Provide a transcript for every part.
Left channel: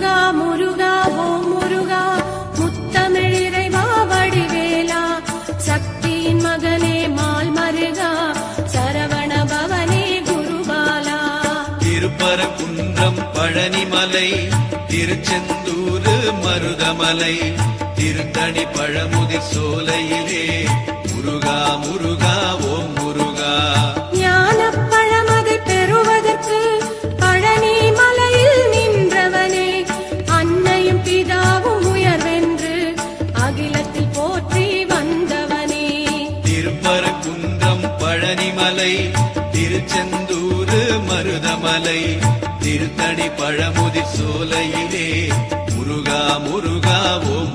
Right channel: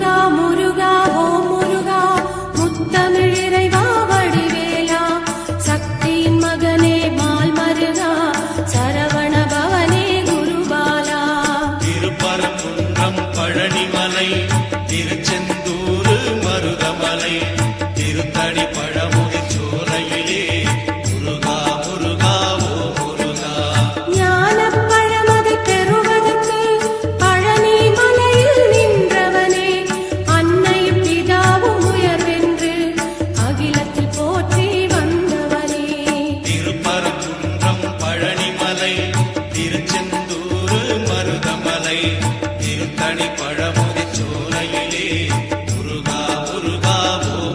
முருகா முருகா ஓம் முருகா முத்தமிழ் இறைவா வடிவேலா சக்தியின் மகனே மால் மருகா சரவண பவனே குருபாலா. திருப்பரங்குன்றம் பழனிமலை திருச்செந்தூர் மருதமலை திருத்தணி பழமுதி சோலையிலே முருகா முருகா ஓ முருகா. ஞானப் பழமதை பெறுவதற்கு பழனி மலையில் நின்றவனே அன்னையும் பிதாவும் உயர்வென்று அகிலத்தில் போற்றி வந்தவனே. திருப்பரங்குன்றம் பழனிமலை திருச்செந்தூர் மருதமலை திருத்தணி பழமுதி சோலையிலே முருகா முருகா ஓ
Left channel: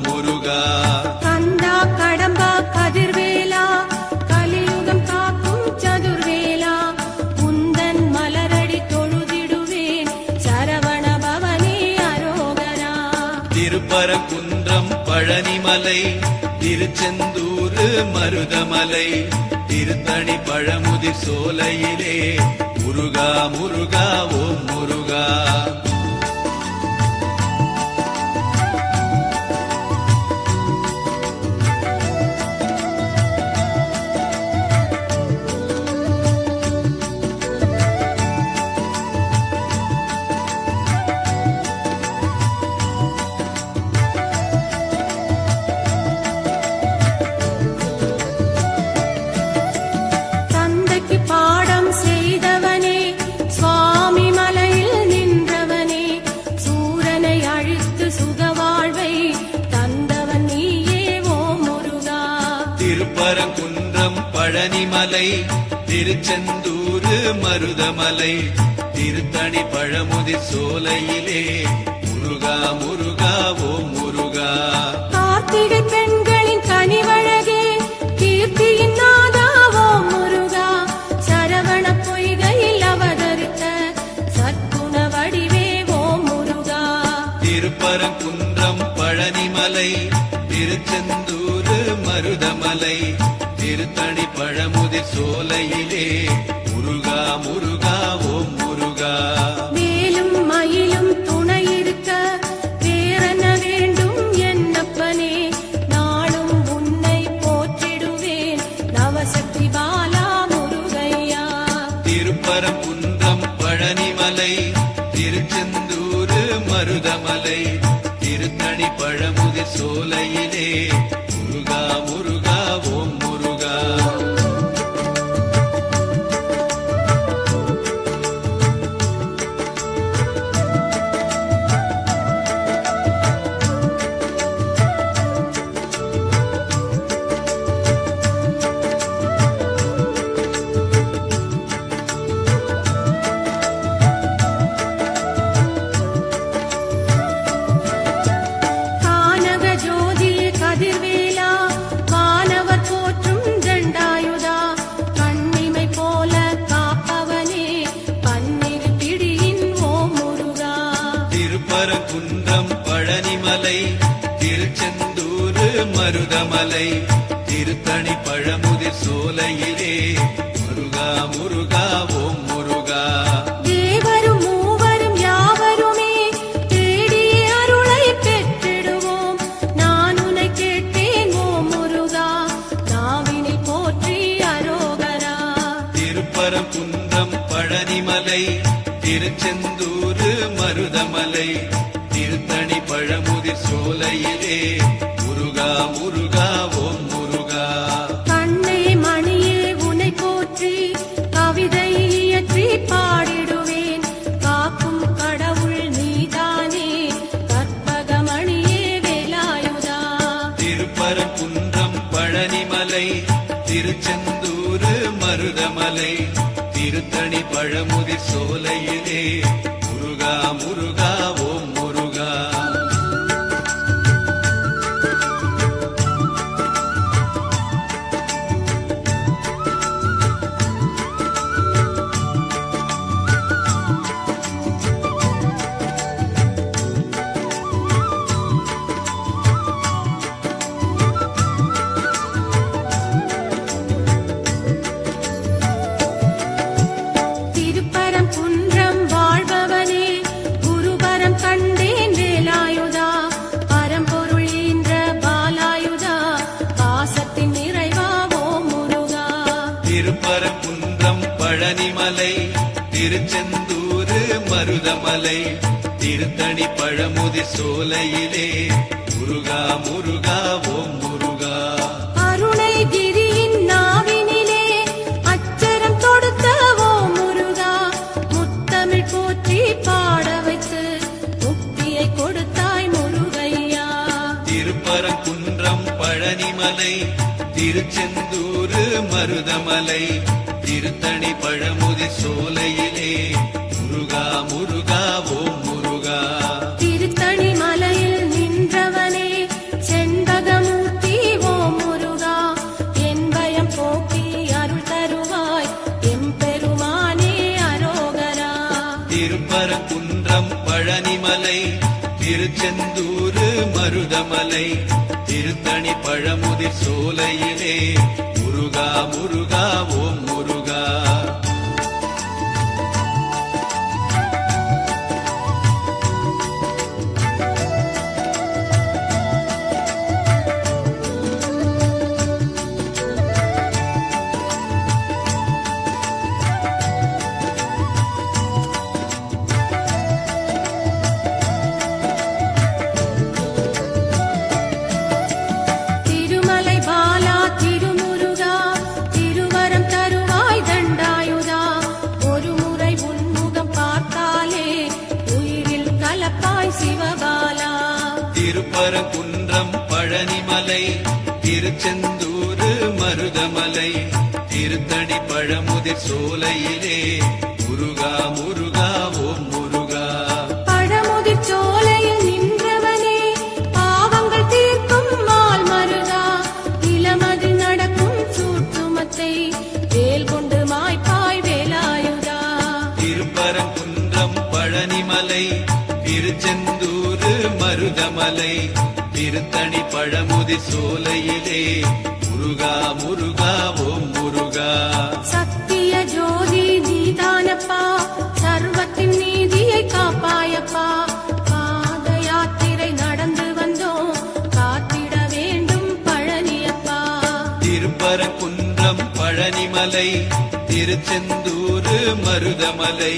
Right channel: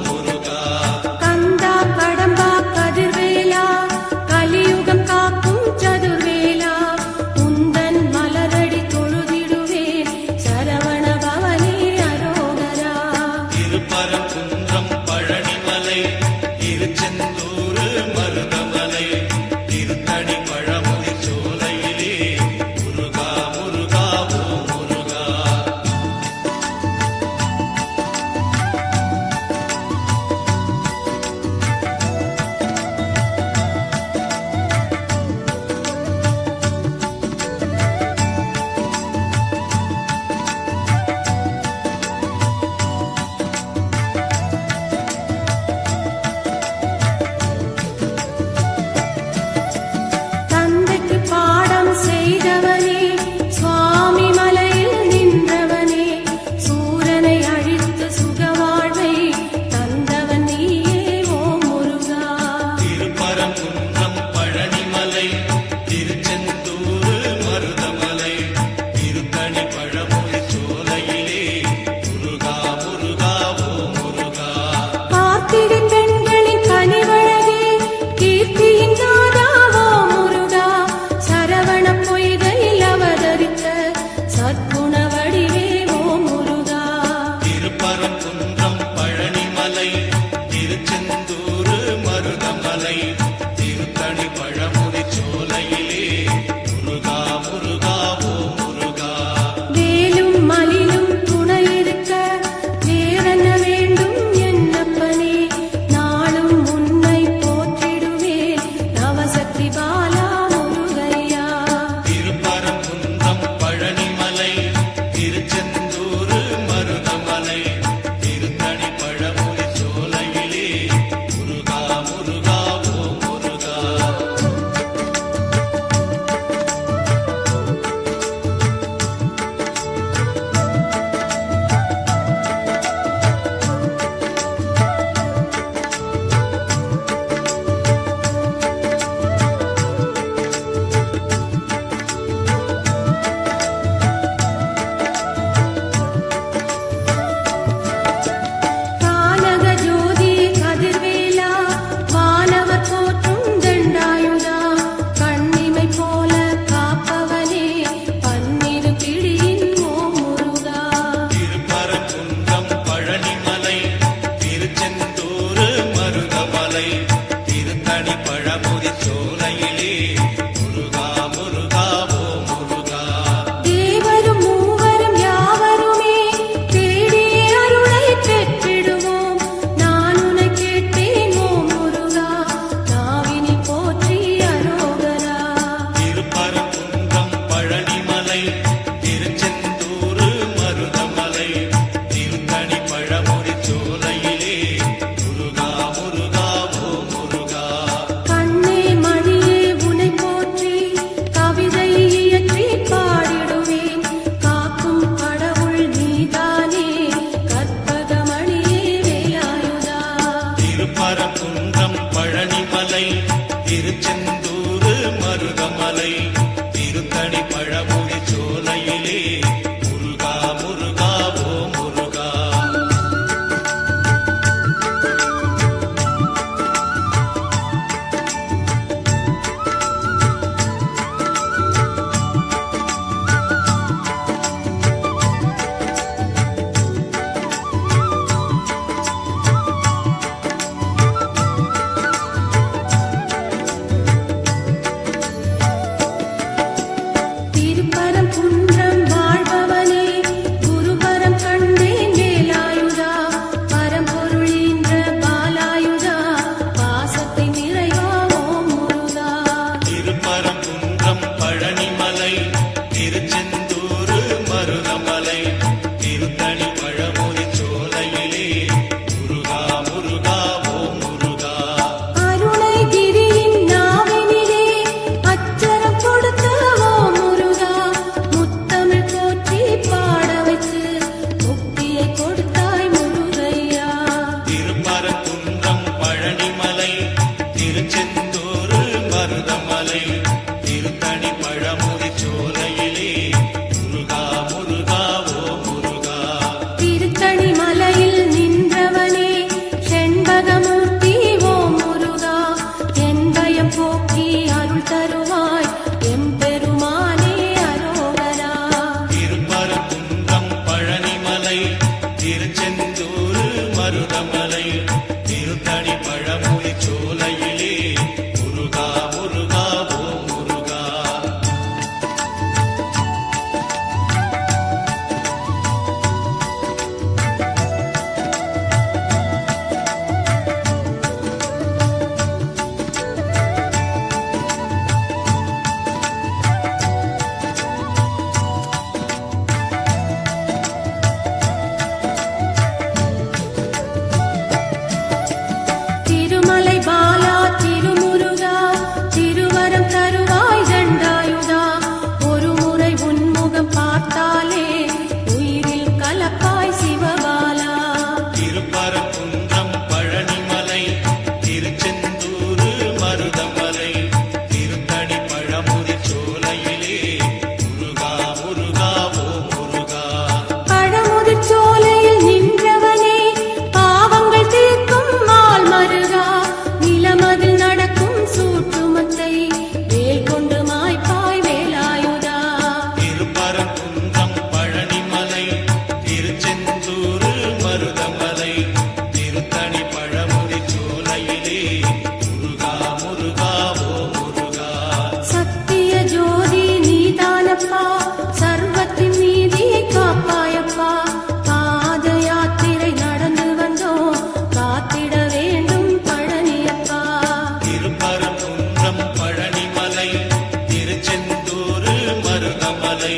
மருதமலை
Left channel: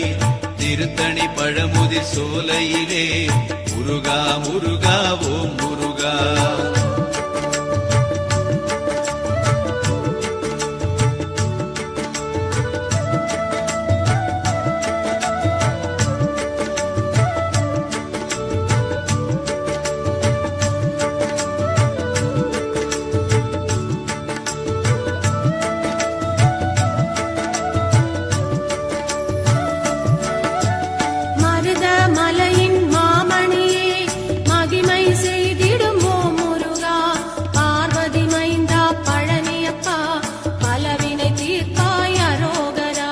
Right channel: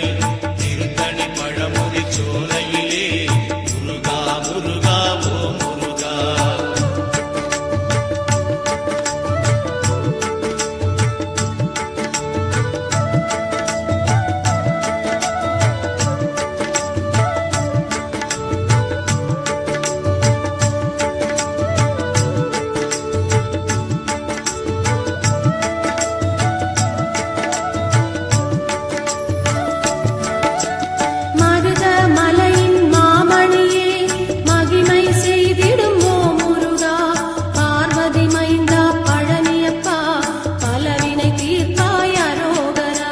திருத்தணி பழமுதி சோலையிலே முருகா முருகா ஓ முருகா. மருதமலையின் மாமணியே மகிமை செய்திடும் ஓ முருகா. பார்வதி மைந்தா பழனியப்பா பலவினை தீர்ப்பாய் அரோகரா.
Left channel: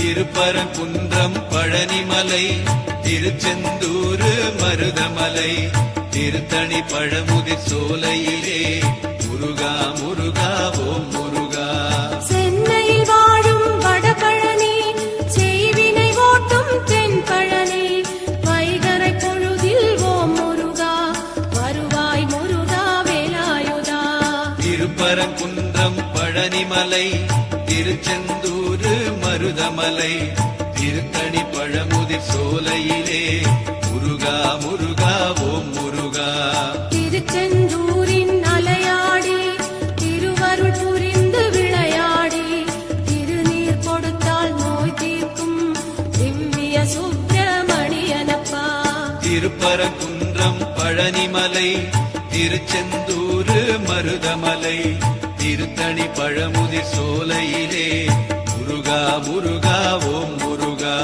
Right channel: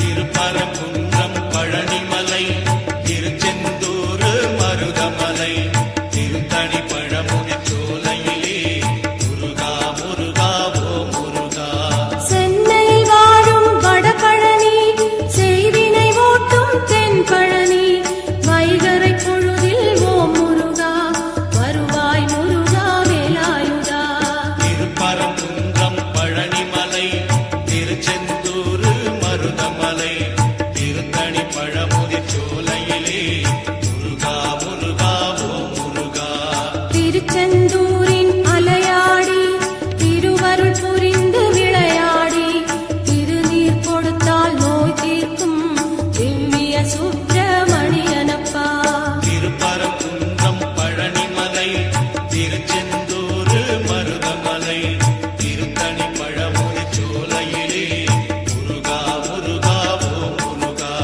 திருப்பரங்குன்றம் பழனிமலை திருச்செந்தூர் மருதமலை திருத்தணி பழமுதி சோலையிலே முருகா முருகா ஓ முருகா. சென்னையில் வாழும் வடபழனி செய்வினை ஓட்டும் தென்பழனி வைகறை பொழுதில் ஓ முருகா வருவாய் முருகா வேலாயுதா. திருப்பரங்குன்றம் பழனிமலை திருச்செந்தூர் மருதமலை திருத்தணி பழமுதி சோலையிலே முருகா முருகா ஓ முருகா. திருச்செந்தூரின் அலையாடி திருவருள் புரிந்து விளையாடி திருநீர் கொடுத்தால் நோய் தீர்க்கும் திவ்ய சுப்பிரமணியனப்பா. திருப்பரங்குன்றம் பழனிமலை திருச்செந்தூர் மருதமலை திருத்தணி பழமுதி சோலையிலே முருகா முருகா ஓ முருகா.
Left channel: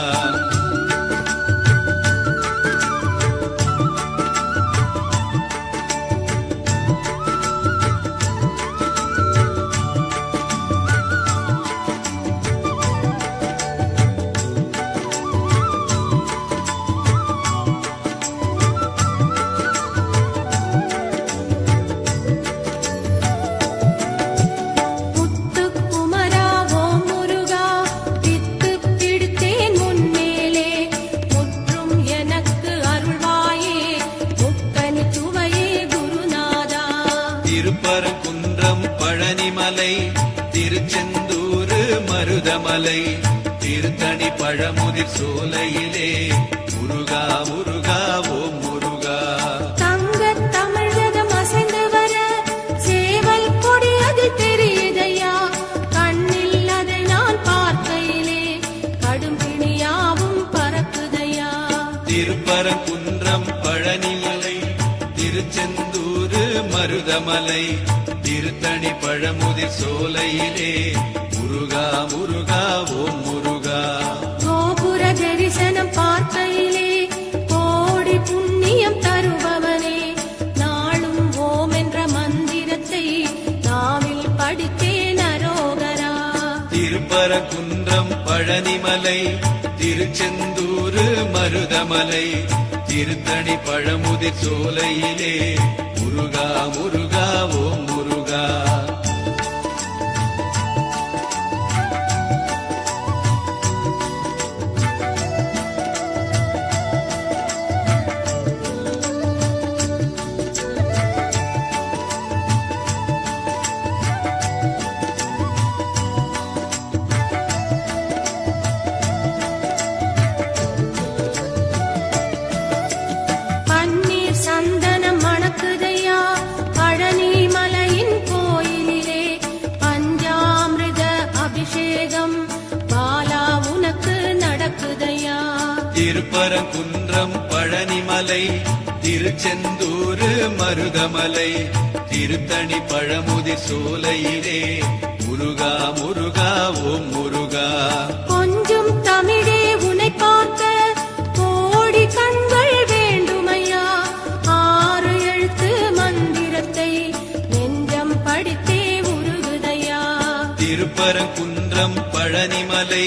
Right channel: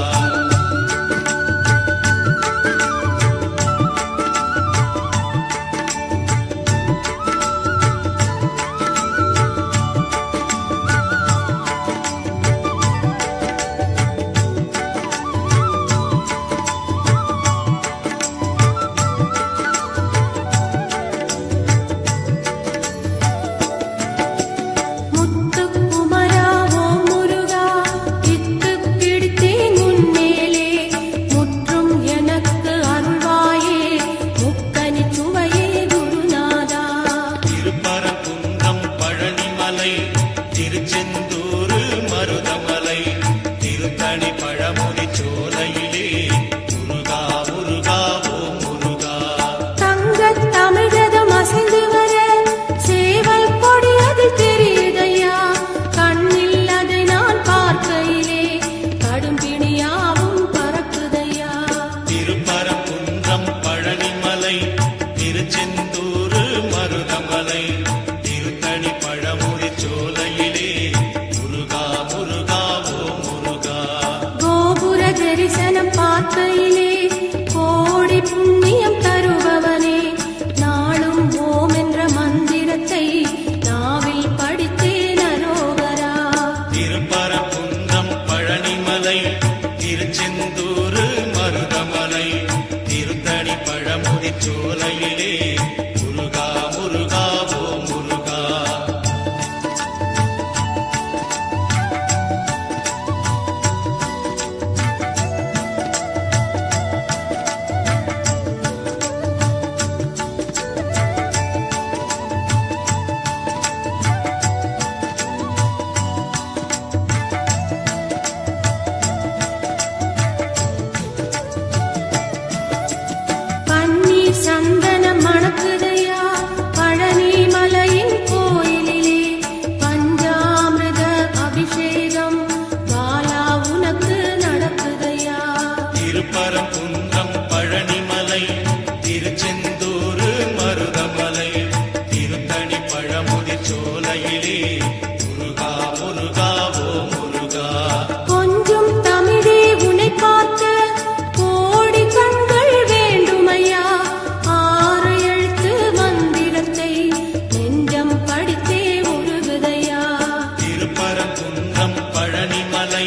முத்துக்குமரா ஓ முருகா வித்து பிடித்தேன் முன்னேலே முற்றும் எனக்கு அருள்வாயே முக்கனி சுவையே குருநாதா. திருப்பரங்குன்றம் பழனிமலை திருச்செந்தூர் மருதமலை திருத்தணி பழமுதி சோலையிலே முருகா முருகா ஓ முருகா. தங்கத் தமிழகம் அசைந்து வர சேவல் கொடியது தெரியுதையா. கண்ணில் அதை நான் பார்க்கையிலே கடும்பிணியாவும் பறக்குதையா. திருப்பரங்குன்றம் பழனிமலை திருச்செந்தூர் மருதமலை திருத்தணி பழமுதி சோலையிலே முருகா முருகா ஓ முருகா. கோபுர தரிசனம் பார்க்கையிலே கோடி புண்ணியம் தருபவனே நாளும் ஓம் என்ற மந்திரத்தை நாவில் படித்தேன் அரோகரா. திருப்பரங்குன்றம் பழனிமலை திருச்செந்தூர் மருதமலை திருத்தணி பழமுதி சோலையிலே முருகா முருகா ஓ முருகா. பன்னீர் சந்தனம் மணக்குதையா பழனி மலையின் கோயிலிலே பஞ்சாமிர்த அபிஷேகம் பாலா உனக்கு நடக்குதையா. திருப்பரங்குன்றம் பழனிமலை திருச்செந்தூர் மருதமலை திருத்தணி பழமுதி சோலையிலே முருகா முருகா ஓ முருகா. கொஞ்சம் தமிழே உனை பார்க்க கோடி கண்கள் வேண்டுமையா. 6 எழுத்து மந்திரத்தை நெஞ்சம் படித்தே உருகுதையா. திருப்பரங்குன்றம் பழனிமலை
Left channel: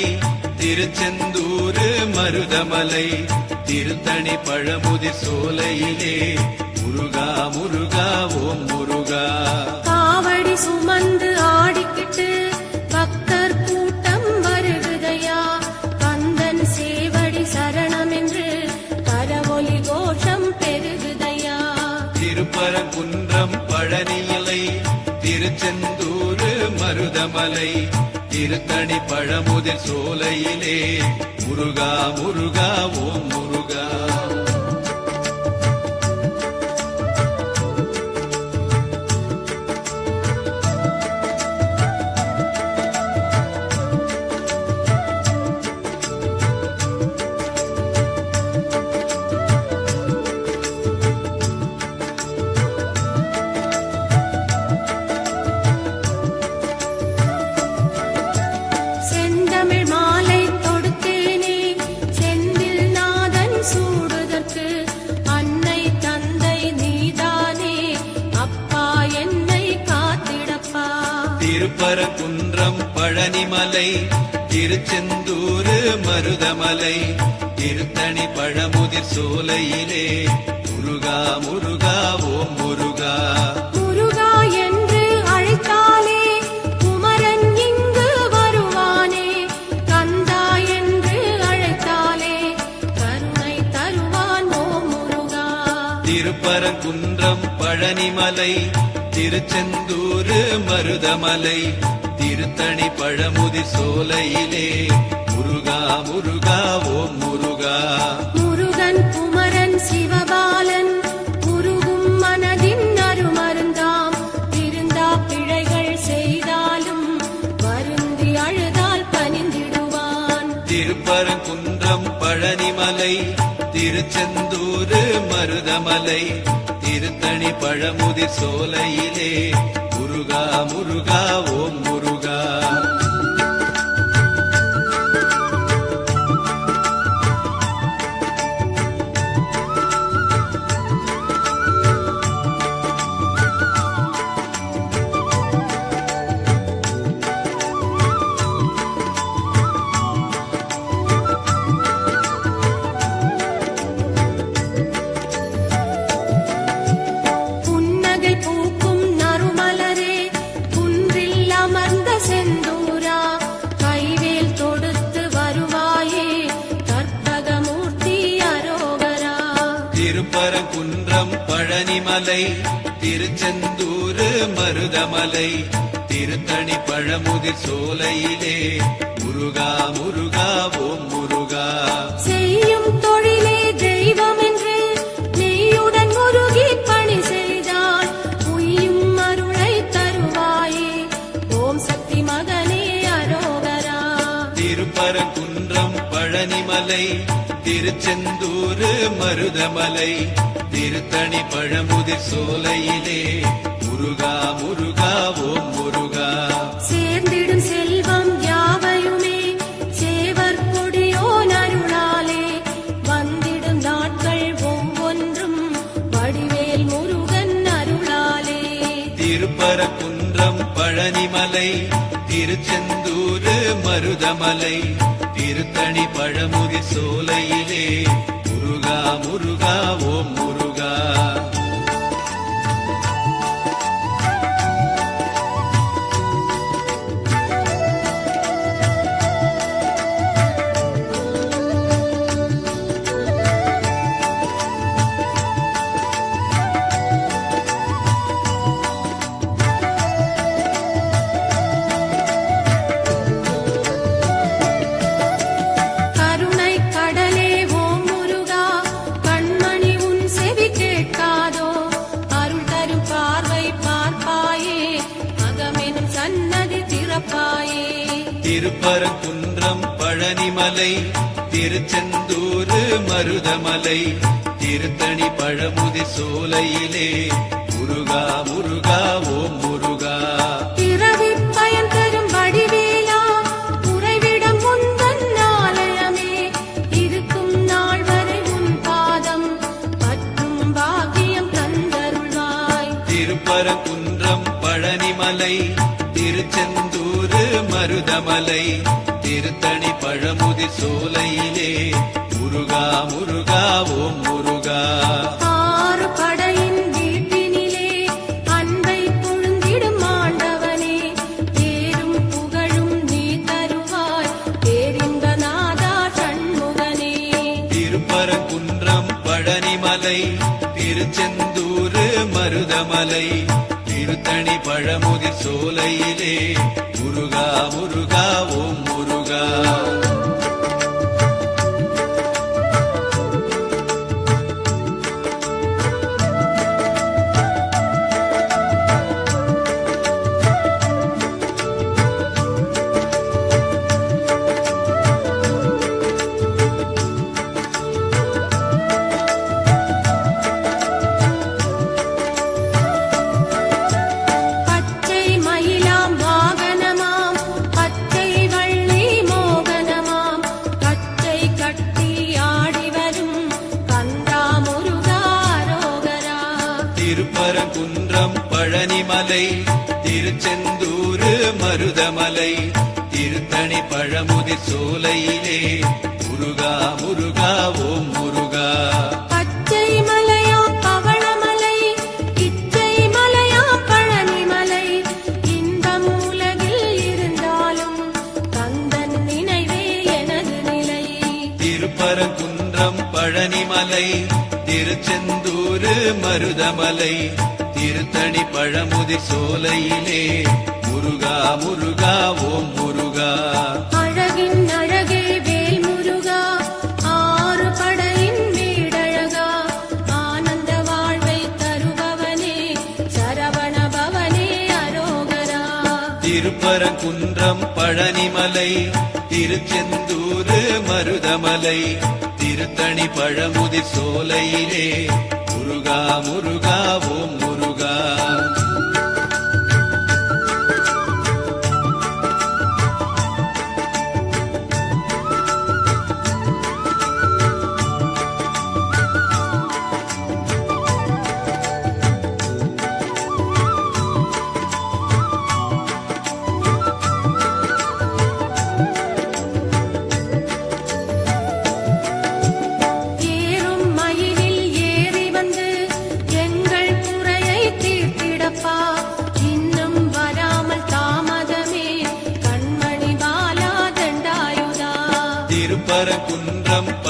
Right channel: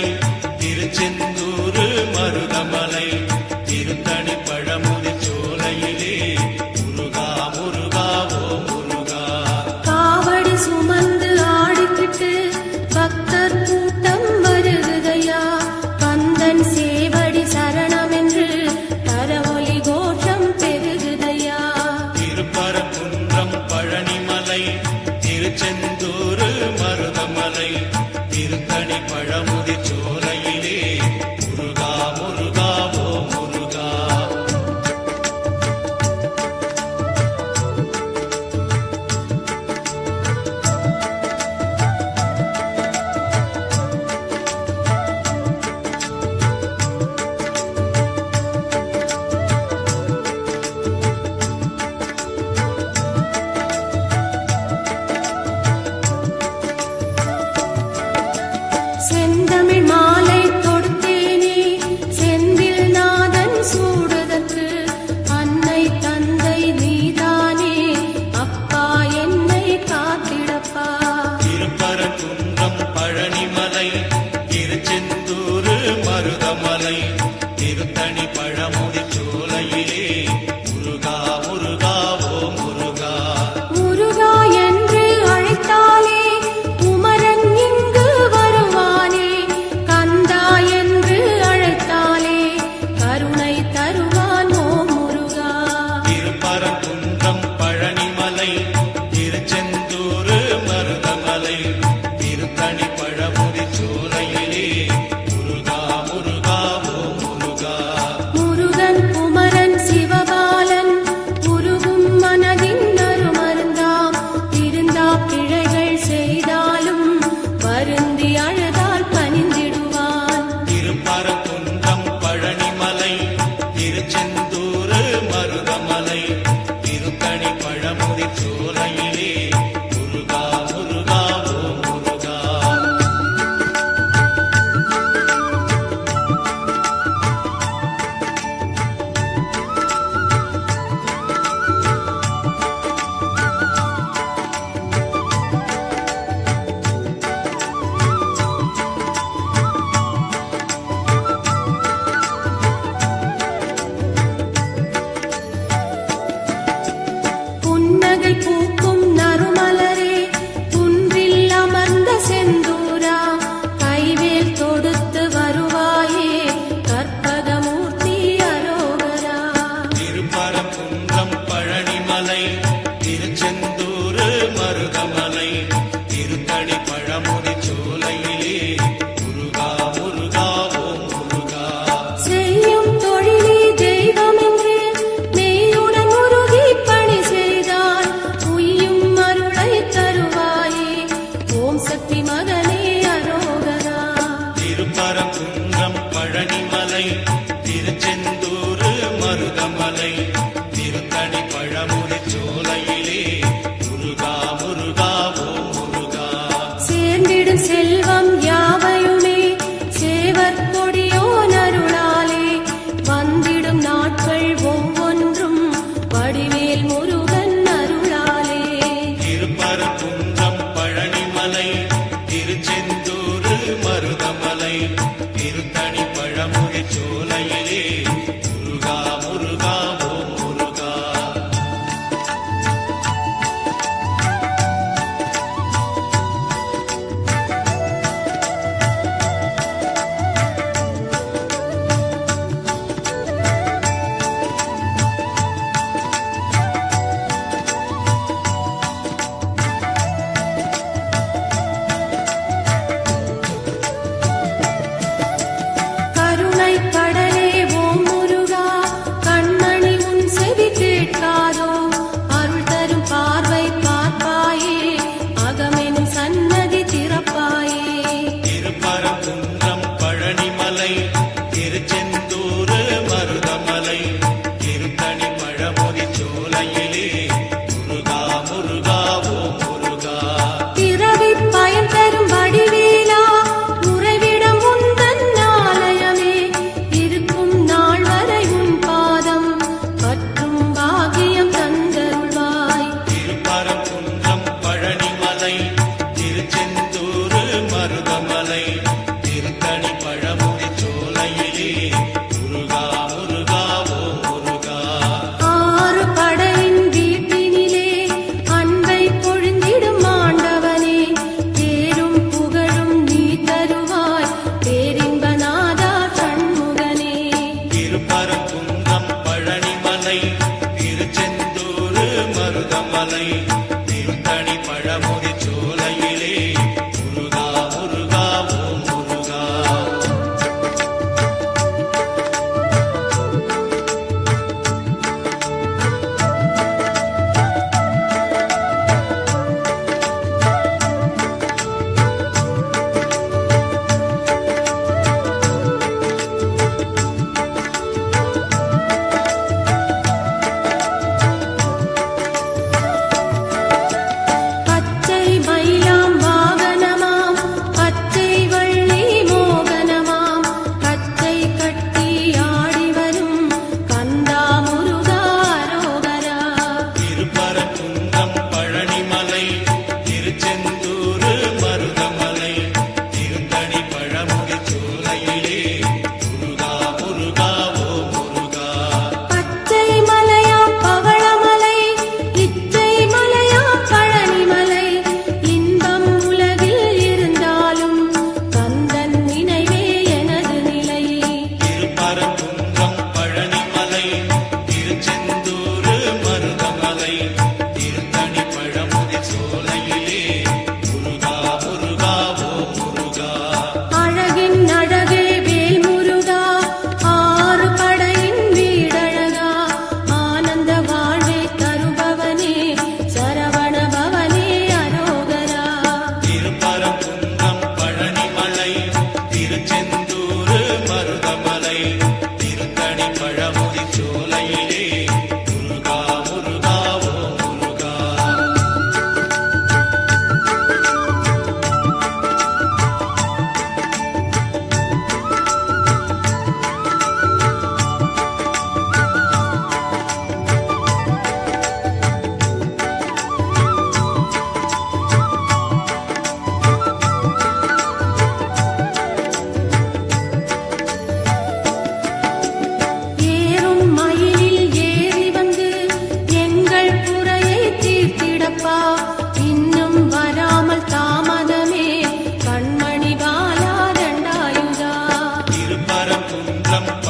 திருச்செந்தூர் மருதமலை மருதமலை திருத்தணி பழமுதிர் சோலையிலே முருகா முருகா ஓ முருகா முருகா என்று அழைத்தாலே குமரன் இங்கு வருவானே கந்தா என்று அழைத்தாலே கருணை தருவான் ஓ முருகா திருப்பரங்குன்றம் பழனிமலை திருச்செந்தூர் மருதமலை திருத்தணி பழமுதிர் சோலையிலே முருகா முருகா ஓ முருகா முருகன் குமரன் சிவபாலன் குருகும் மனதின் அருமருந்தாம் திருந்தா பிழைகள் செய்தாலும் வருந்தி அழுதால் பணிந்திடுவான் திருப்பரங்குன்றம் பழனிமலை திருச்செந்தூர் மருதமலை திருத்தணி பழமுதிர் சோலையிலே முருகா முருகா ஓ முருகா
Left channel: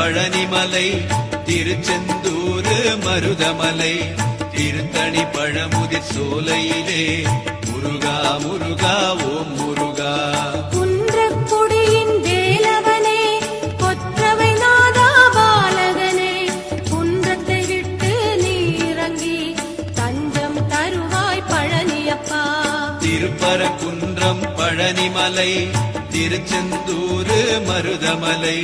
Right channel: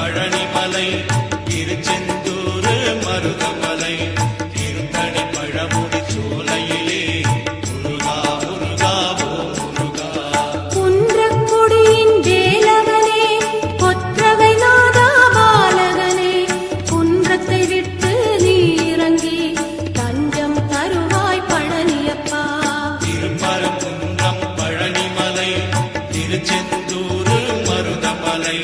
பழனிமலை திருச்செந்தூர் மருதமலை திருத்தணி பழமுதிர் சோலையிலே முருகா முருகா ஓம் முருகா. குன்றக்குடியின் வேலவனே கொற்றவை நாதா பாலகனே குன்றத்தை விட்டு நீ இறங்கி தஞ்சம் தருவாய் பழனியப்பா. திருப்பரங்குன்றம் பழனிமலை திருச்செந்தூர் மருதமலை